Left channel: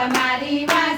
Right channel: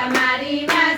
તમારી વાસળી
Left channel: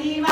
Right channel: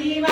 arriba.